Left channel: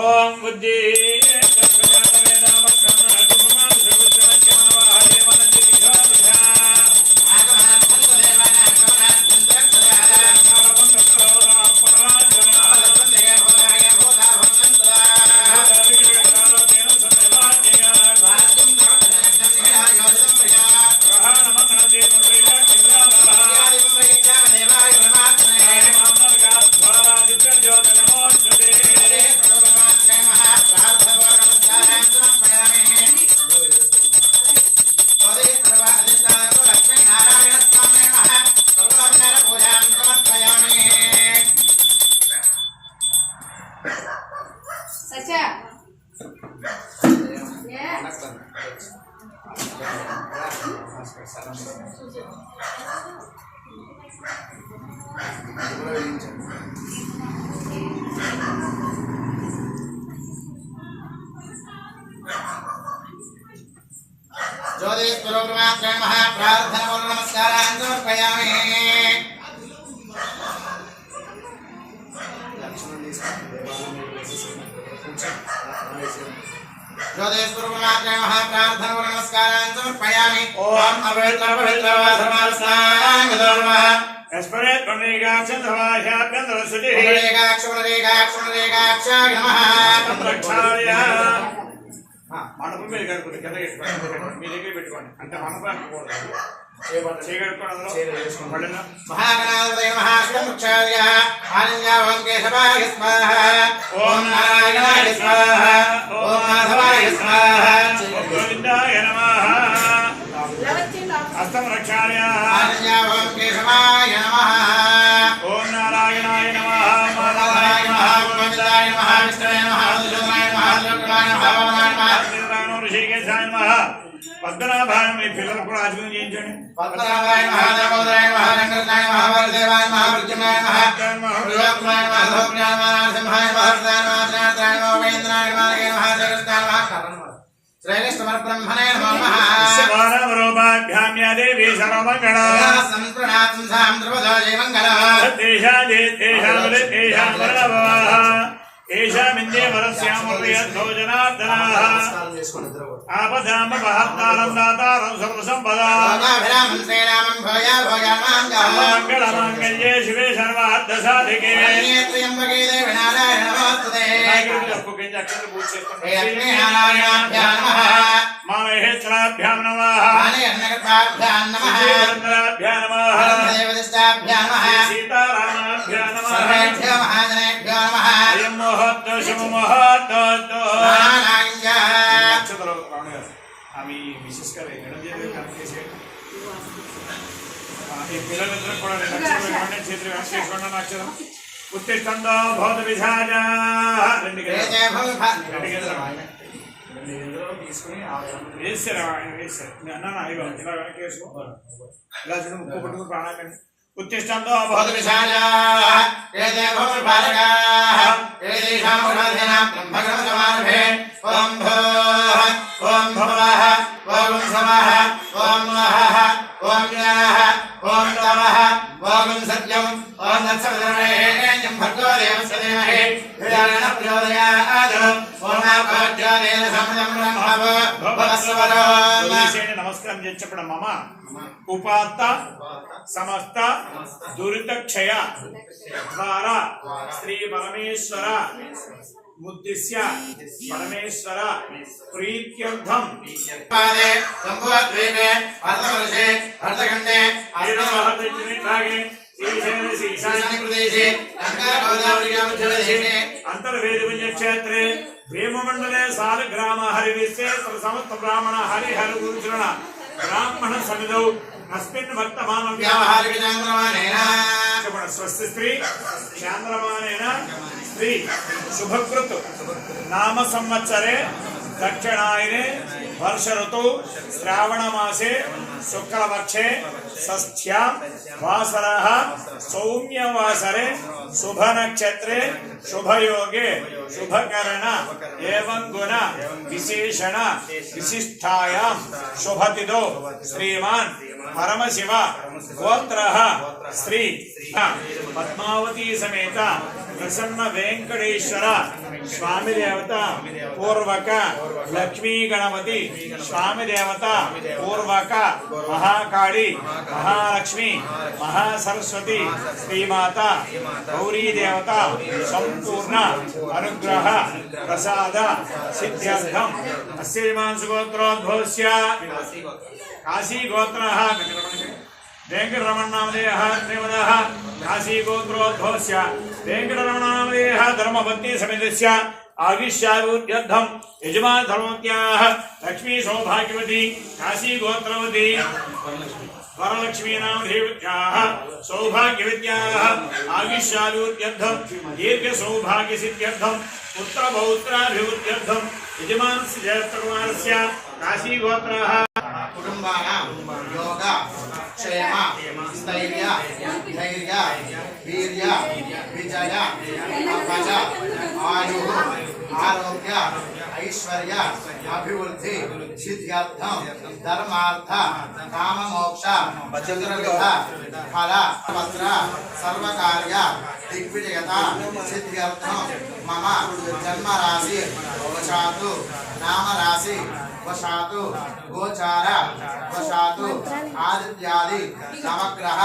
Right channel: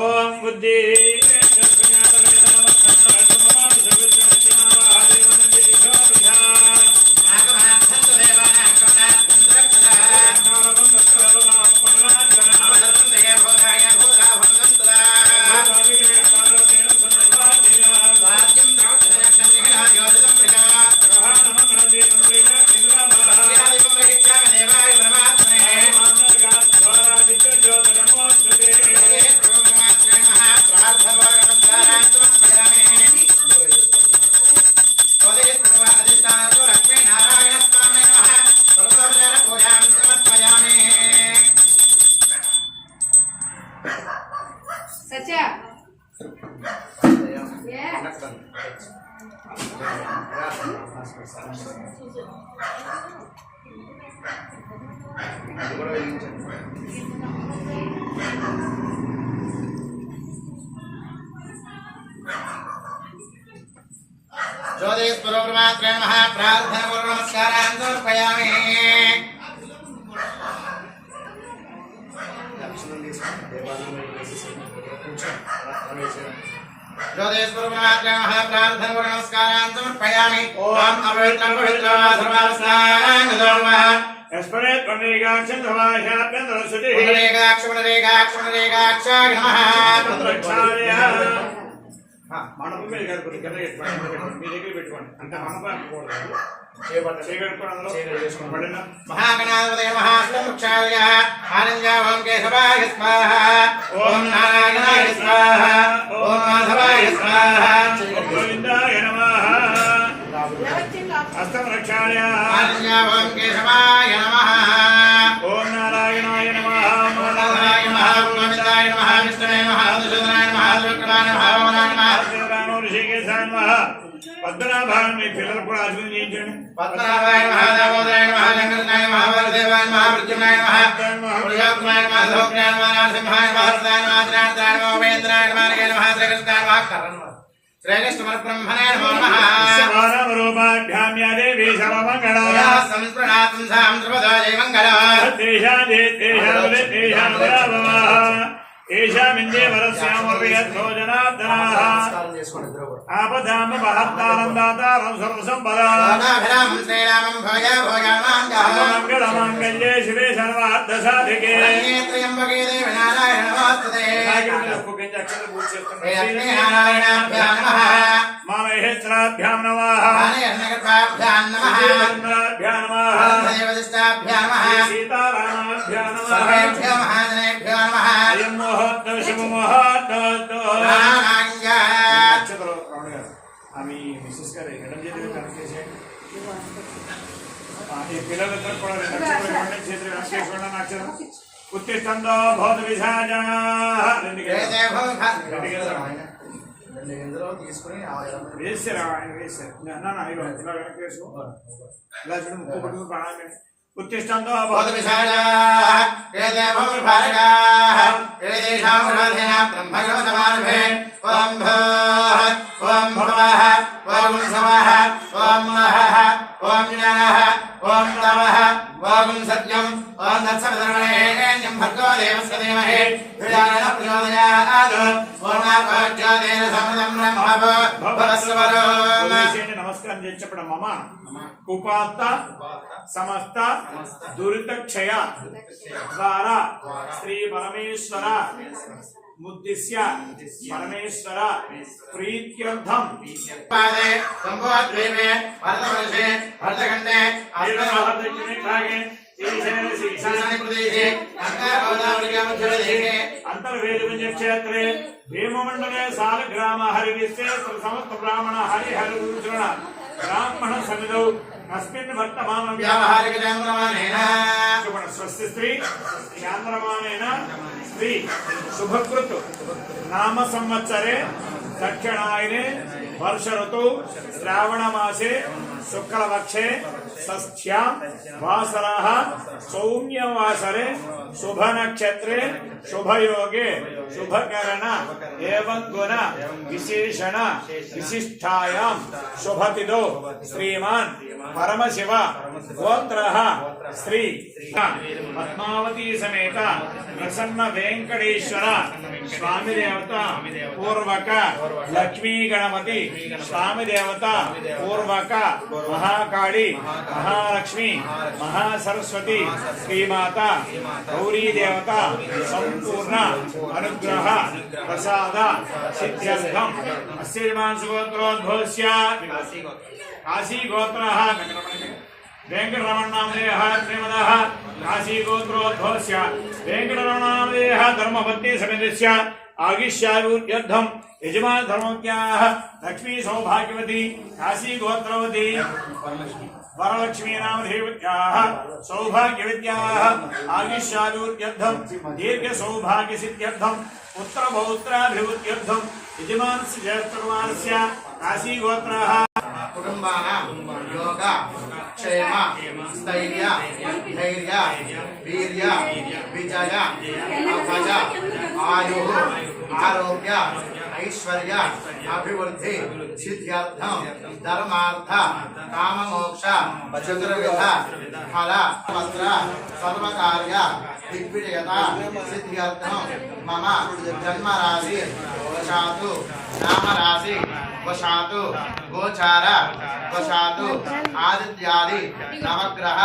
ఓం బుద్ధి ज्योतिष्पुरोक्रमात्रय महाप्रार्थना नमस्कारान् समर्पयामि। ज्योतिष्पुरोक्रमात्रय महाप्रार्थना नमस्कारान् समर्पयामि। ओम अपवित्र पवित्र सर्वास्नाङ्गधर्मः अस्मरे प्रणेगाक्ष धवाह्याभ्यन्तरसुति पुनरेगाक्ष नमः। మండపం మీద కడుపుతుంది కింద మీ దగ్గర పెట్టుకోండి అంటే మండపం మహాగణాధిపతయ మహాశ్రముక్షార్య ఆనంద్య ఓం కేశవాయ స్వాహ ఓం నారాయణాయ స్వాహ ఓం మాధవాయ స్వాహ గోవిందాయ నమః హస్తం రక్షాయ ఆనంద్య ఓం కేశవాయ నమః ఓం నారాయణాయ నమః మాధవాయ నమః గోవిందాయ నమః విష్ణువే నమః మధుసూదనాయ నమః త్రిలోక్యమాయ నమః పద్మనాభాయ మీ పిల్లలు కూడా ఆచరణ చేయించండి. పద్మనాభాయ నమః దేవోదరాయ నమః శంకరాయ నమః వరదేవాయ నమః మృత్యుంజయాయ నమః పురుషోత్తమాయ నమః సౌఖ్యాయ నమః నరసింహాయ నమః హర్షాయ నమః త్రినేత్రాయ నమః మహేంద్రాయ నమః నమః శ్రీకృష్ణాయ నమః శ్రీకృష్ణ బ్రహ్మణే నమో నమః శివానామరూపాభ్యామ్య దేవి సర్వమంగళ సంస్ప్రణాతం సాం ధ్రువదో జయ మంగళః తేషాం ఏషామిందే వరస్యామపయద్ధోజనార్దనాః ఆపదామ మహత్తారం దాతారం సర్వసంపదాం శ్రీరామం భోజ భోజాన్మాంగః మంగళమాంగళ్యే శివే సర్వార్థసాధికే త్ర్యంబకే దేవి నారాయణ నమోస్తుతే శ్రీలక్ష్మీనారాయణాభ్యాం నమః మామహేశ్వరాభ్యాం నమః మానయర్ణకృపాభ్యాం నమః భ్యాం నమః దేవదస్తాభ్యాం నమః సీతారామాభ్యాం నమః సర్వేభ్యో మహాజనేభ్యో నమః అయం మహత్తో శుభ మహత్తో మీ మిసెస్ గారు ఎడం చేతులు కనెక్ట్ చేసేయండి. ఈ పిల్లలిద్దరు కూడా చేతులు కనెక్ట్ చేసుకోండి. అక్షరం ఉత్తిష్టంతో భౌత విధాన వేసారు ఆయన వేసారు అన్న ఇలా వెనక్కి వేసుకో ఇలా చూడు ముక్కు పట్టుకు ప్రాణాలు ఉత్తిష్టంతో భౌత విధాన ఓం భవః ఓం సమః ఓం మహః ఓం జనః ఓం తమః ఓం సత్యం ఓం తత్సవితుర్వరేణ్యం భర్గో దేవస్య ధీమహి ధియో ప్రచోదయాత్ ఓం నాకోజ్యోతిర్ సమదం బ్రహ్మవో భవస్వరో. నమస్కారం చేసి చెప్పడం మమ ఉపాత్త సమస్త దురితక్షయ ద్వారా శ్రీ పరమేశ్వర ముద్దిశ్య పరమేశ్వర ప్రీత్యర్థం పాదే సంభోద్వీపే భరతవర్షే భరతఖండే అంతర్వేది పుణ్యక్షేత్రే భీమమండలే సాలగ్రామ హరివిశ్వేశ్వర సమస్త బ్రాహ్మణ హరిహర గురుచరణ బ్రాహ్మణ సన్నిధౌ अस्मिन् वर्तमानं व्यावहारिक चांद्रमानेन स्वस्ति स्त्री चांद्रमानेन स्त्री शुभकृत नाम संवत्सरे दक्षिणायने वर्ष ऋतु श्रावण मासे शुक्लपक्षे षष्ठ्यां वासरः सौम्य वासरे शुभ नक्षत्रे शुभ योगे शुभकरण एवं गुण विशेषण विशिष्टायां शुभतिथौ श्रीमान् परमशिव गोत्रः श्री पद्मावती समेत प्रसन्न वेंकटेश्वर स्वामी देवता पूर्वक लक्ष्मी गणपति स्वामी देवता पूर्वक महाकाली महालक्ष्मी महासरस्वती श्रीमाता गौरी देवता संपूर्ण अनुग्रह प्रसाद सिद्ध्यर्थम श्रीमांसगोत्रोद्भवस्य काशी गोत्रः वेंकटरमणनामधेयः श्रीमदः काशी गोत्रोद्भवस्य वेंकटरमणनामधेयः धर्मपत्नी समेतस्य आयुष्यायुर्यद्धं यजमान धर्मत्याः लक्ष्मी सौभाग्यवती काशी गोत्रवती वरलक्ष्मी नामधेयः सौभाग्यवत्याः आयुष्यायुर्यद्धं दीर्घ सौभाग्य सिद्ध्यर्थं पुत्र पौत्राभिवृद्ध्यर्थं यजमान श्रीजयकुमारस्य काशी गोत्रः कुटुंबानां योग क्षेम स्थैर्य धैर्य वीर्य विजय अपज आयु आरोग्य ऐश्वर्य अभिवृद्धि सिद्ध्यर्थम धर्मार्थ काममोक्ष चतुर्विध फल पत्र सर्वकार्य दिग्विजयता सिद्ध्यर्थम मम जन्म राशि वशातु नाम राशि वशातु गोचार वशातु आदित्यादि नवग्रह